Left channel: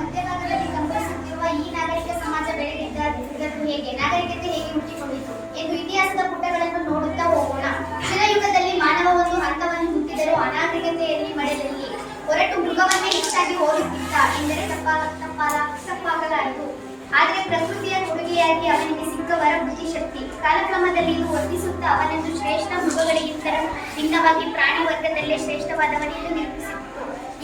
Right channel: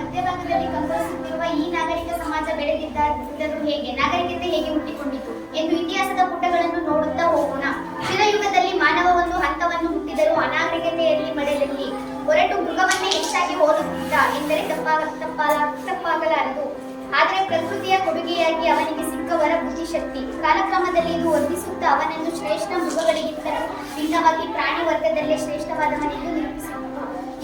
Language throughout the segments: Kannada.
ಮಧ್ಯಭಾಗದಲ್ಲಿ ಕಂಗೊಳಿಸುತ್ತಿರುವ ಈ ನಾಗರಿಕ ಸಮಾಜ ಬೆಳೆದಿದ್ದರು ಹೇಗೆ, ನಾಗರಿಕತೆ ಹೇಗೆ ಹುಟ್ಟಿಕೊಂಡಿತು ಎಂದು ಇತಿಹಾಸದ ಪುಟಗಳನ್ನು ನೋಡುತ್ತಾ ಹೋಗೋಣ. ಶಿಲಾಯುಗದಲ್ಲಿ ಮಾನವ ಒಂದು ಹಂತವನ್ನು ಮುಟ್ಟಿದರೂ ಅನಾಗರಿಕತೆಯಲ್ಲಿ ಮಡೆದಲ್ಲಿ ಹೊರಟು ಮೃಗವನ್ನೇ ಹೆಚ್ಚಾಗಿ ಹೋಲುತ್ತಿದ್ದ ಎಂದರೆ ತಪ್ಪಾಗಲಾರದು. ಆದರೆ ಪ್ರಕೃತಿಯ ಕೊಡುಗೆಯಾಗಿ ಅವನಿಗೆ ಸಿಕ್ಕ ವರ ಬುದ್ಧಿಶಕ್ತಿ ಕಾಲಕ್ರಮದಲ್ಲಿ ಇದು ವರ್ಧಿಸುತ್ತಾ ಅವನನ್ನು ಶ್ರೇಷ್ಠ ಮೃಗಗಳಿಗಿಂತಲೂ ಭಿನ್ನವಾಗಿ ಪ್ರಾಣಿ ವರ್ಗದಲ್ಲೇ ಶ್ರೇಷ್ಠವಾದವನೆಂದು ನಿರೂಪಿಸಿತು.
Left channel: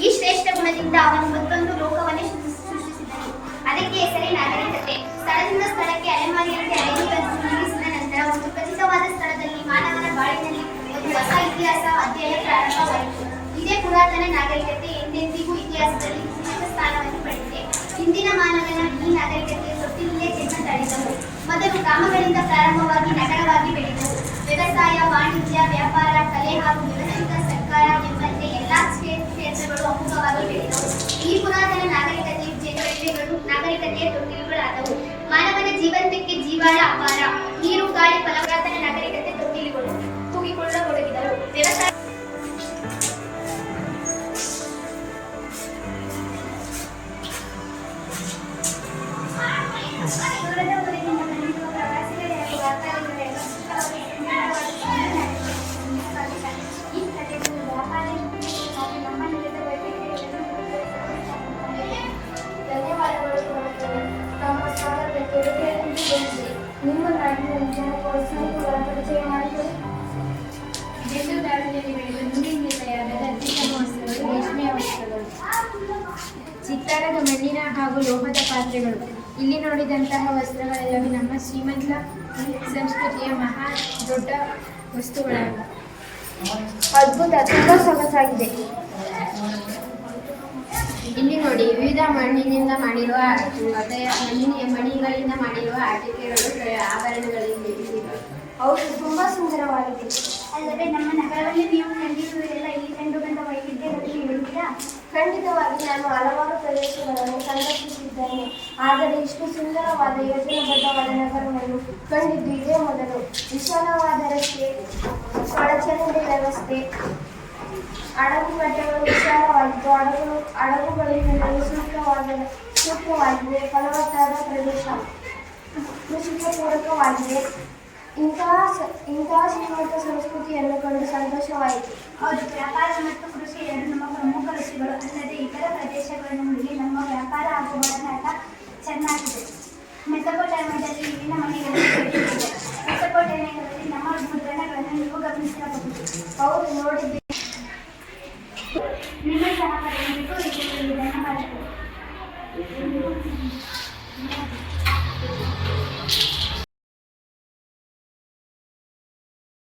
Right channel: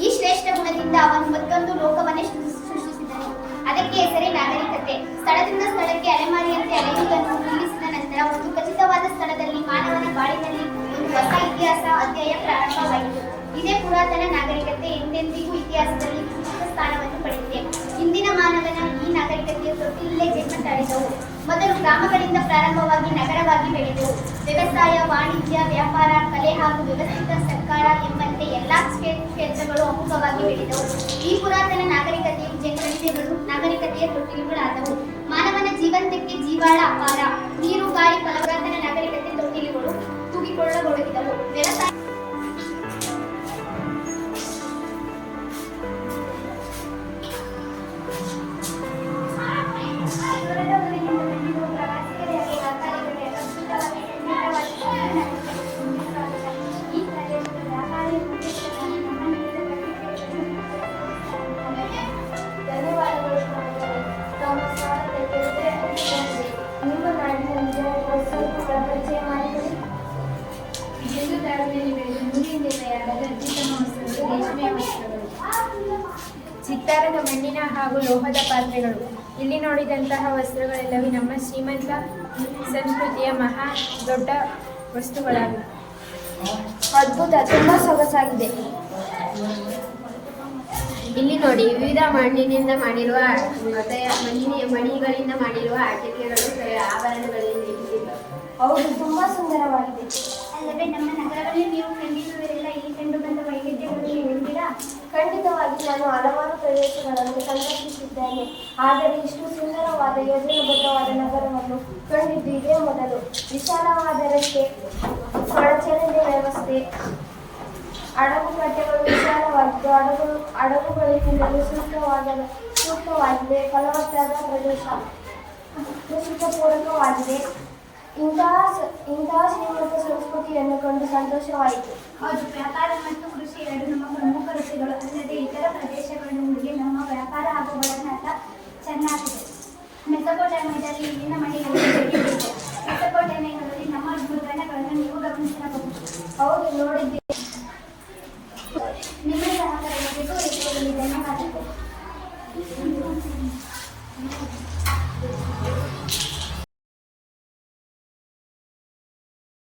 ಈ ಶ್ರೇಷ್ಠ ಗುಣದಿಂದ ಅವನು ಮತ್ತೊಂದು ಲೋಕವನ್ನೇ ಸೃಷ್ಟಿಸಿದನು. ಅದಕ್ಕೆ ಹೆಸರೇ ನಾಗರಿಕತೆ. ಸ್ಥಳದಿಂದ ಸ್ಥಳಕ್ಕೆ ಅಲೆಮಾರಿಯಂತೆ ಅಲೆಯುವುದನ್ನು ನಿಲ್ಲಿಸಿದ ನಂತರ ಒಂದು ಖಚಿತವಾದ ಸ್ಥಳದಲ್ಲಿ ಮಾನವನ ಬಾಳಿನಲ್ಲಿ ಒಂದು ಹೊಸ ಇತಿಹಾಸ ಅಧ್ಯಾಯ ಪ್ರಾರಂಭವಾಯಿತು. ಇದೇ ಪುರಾತನ ನಾಗರಿಕತೆ ಎಂದೆಂದಿಗೂ ಇತಿಹಾಸದಲ್ಲಿ ವಿಶಿಷ್ಟ ಸ್ಥಾನವನ್ನು ಪಡೆದಿದೆ. ಇಂದಿನ ಮಾನವನ ಈ ನಾಗರಿಕತೆಯ ತೊಟ್ಟಿಲೇ ಜನ್ಮ ತಾಳಿದವು. ಮೊದಲು ಗ್ರಾಮಗಳಿಂದ ಪ್ರಾರಂಭವಾಗಿ ನಗರವಾಗಿ ಬೆಳೆದವು. ವ್ಯವಸಾಯ, ವಾಣಿಜ್ಯ, ವ್ಯಾಪಾರ, ಕಲೆ ಹಾಗೂ ವ್ಯವಸ್ಥಿತ ಸರ್ಕಾರ ಎಂಬಂತೆ ಎಲ್ಲಾ ಕ್ಷೇತ್ರಗಳು ಅಮೋಘವಾಗಿ ಬೆಳೆದವು. ಈ ಪುರಾತನ ನಾಗರಿಕತೆಯ ತೊಟ್ಟಿಲುಗಳಾದವು. ಮಾನವನ ಜೀವಂತಕ್ಕೆ ಜೀವಾಳ ಆಹಾರ, ನೀರು, ಗಾಳಿ, ಫಲವತ್ತಾದ ನಾಗರಿಕತೆ ತೊಟ್ಟಿಲುಗಳು ತೂಗಿಕೊಳ್ಳತೊಡಗಿದವು. ವ್ಯವಸಾಯ ದೂರದ ಊರಿನಿಂದ ಬಂದಿರುವ ಪ್ರವಾಸಿಗರಿಗೆ ವ್ಯಾಪಾರಿಗಳು ಅದ್ಭುತವಾಗಿ ಈ ಪ್ರದೇಶದ ವ್ಯಾಪಾರಿ ನಮ್ಮ ನಿಲದ ಧನ್ಯವಾದಗಳು. ತಮ್ಮ ಸ್ವಾಗತಕ್ಕೆ ನಿಮ್ಮ ನಾಡಿನ ವಸ್ತುಗಳ ಪರಿಚಯ ಮಾಡಿಕೊಳ್ಳಿ. ಇದೆಂದು ದಾರಿಯಲ್ಲಿ ಬೆಳೆದ ನೂಲಿನಿಂದ ತಯಾರಾದ ಅತ್ಯುತ್ತಮ ವಸ್ತ್ರಗಳು ರೇಷ್ಮೆಯ ವಸ್ತ್ರಗಳು. ಚಿತ್ತಾರದ ಮಣ್ಣಿನ ಹಾಗೂ ಲೋಹದ ಪಾತ್ರೆಗಳು. ಇಲ್ಲಿ ನೋಡಿದಂತಹ ವಸ್ತ್ರಗಳೆಲ್ಲವೂ ನಮ್ಮ ಶ್ರೀಮಂತ ಸಂಸ್ಕೃತಿಯ ಮಹಾ ದೊಡ್ಡ ವಸ್ತುಗಳಾಗಿವೆ. ಅದ್ಭುತ, ತುಂಬ ಸೊಗಸಾಗಿದೆ. ಇಲ್ಲಿ ನೋಡಿ, ವಿವಿಧ ಮಣ್ಣಿನಿಂದ ಮಾಡಿರುವ ಮಣಿಗಳಿಂದ ಮಾಡಿರುವ ಆಟಿಕೆಗಳು, ಆಭರಣಗಳಿವೆ. ಹೌದು, ತುಂಬಾ ಸುಂದರವಾಗಿದೆ. ಅಲ್ಲದೆ ನಮ್ಮ ನಗರದಲ್ಲಿ ನೀವು ಕಂಡಿರುವಿರೆಲ್ಲ ಇಲ್ಲಿ ಕಂಡು ಬಂದ ವೈವಿಧ್ಯಗಳಲ್ಲಿ ಹೇಳ್ತೀರಾ? ಖಂಡಿತವಾಗಿ ನಾನು ಹಲವಾರು ಪ್ರದೇಶಗಳನ್ನು ಸಂದರ್ಶಿಸಿದ್ದೇನೆ. ಆದರೆ ಇಷ್ಟು ಸುಂದರವಾದ ಯೋಜನಾಬದ್ಧವಾದ ನಗರವನ್ನು ಕಂಡಿದ್ದು ಇದೇ ಮೊದಲು. ವಿಶಾಲವಾದ ರಸ್ತೆ, ಒಳಚರಂಡಿ ವ್ಯವಸ್ಥೆ, ಹಡಗುಕಟ್ಟೆಗಳು ವಿಶಾಲವಾಗಿದ್ದು ಹಡಗುಗಳು ತಿನ್ನಲು ಸೂಕ್ತವಾಗಿವೆ. ಫಲವತ್ತಾದ ಪ್ರದೇಶ, ಕೃಷಿಗೆ ಪೂರಕವಾಗಿದೆ. ಇಂತಹ ಶ್ರೀಮಂತ ಸಂಸ್ಕೃತಿಯನ್ನು ಕಂಡು ಸಂತೋಷವಾಯಿತು. ಹೌದು, ವ್ಯಾಪಾರ ಮತ್ತು ಕೃಷಿ ಎರಡು ನಮ್ಮ ಪ್ರಮುಖ ವೃತ್ತಿಗಳು. ಅಲ್ಲದೆ ಇತರ ಪ್ರದೇಶಗಳೊಂದಿಗೆ ನಮ್ಮ ವ್ಯಾಪಾರ ಹಾಗೂ ಒಡನಾಟ ಚೆನ್ನಾಗಿದೆ. ಮೆಸೊಪೊಟೇಮಿಯಾದಲ್ಲಿ ಇಲ್ಲಿನ ಮನೆಗಳಲ್ಲಿ ಬೆಳೆದಿದೆ. ಮೆಸೊಪೊಟೇಮಿಯಾದಲ್ಲಿ ನಮ್ಮ ಮುದ್ರಣಗಳನ್ನು ನೀವು ಗಮನಿಸಿರಬಹುದು. ಹೌದು, ನೋಡಿದ್ದೆ. ನಿಮ್ಮ ಸಹಕಾರ ನೀಡಬೇಕು.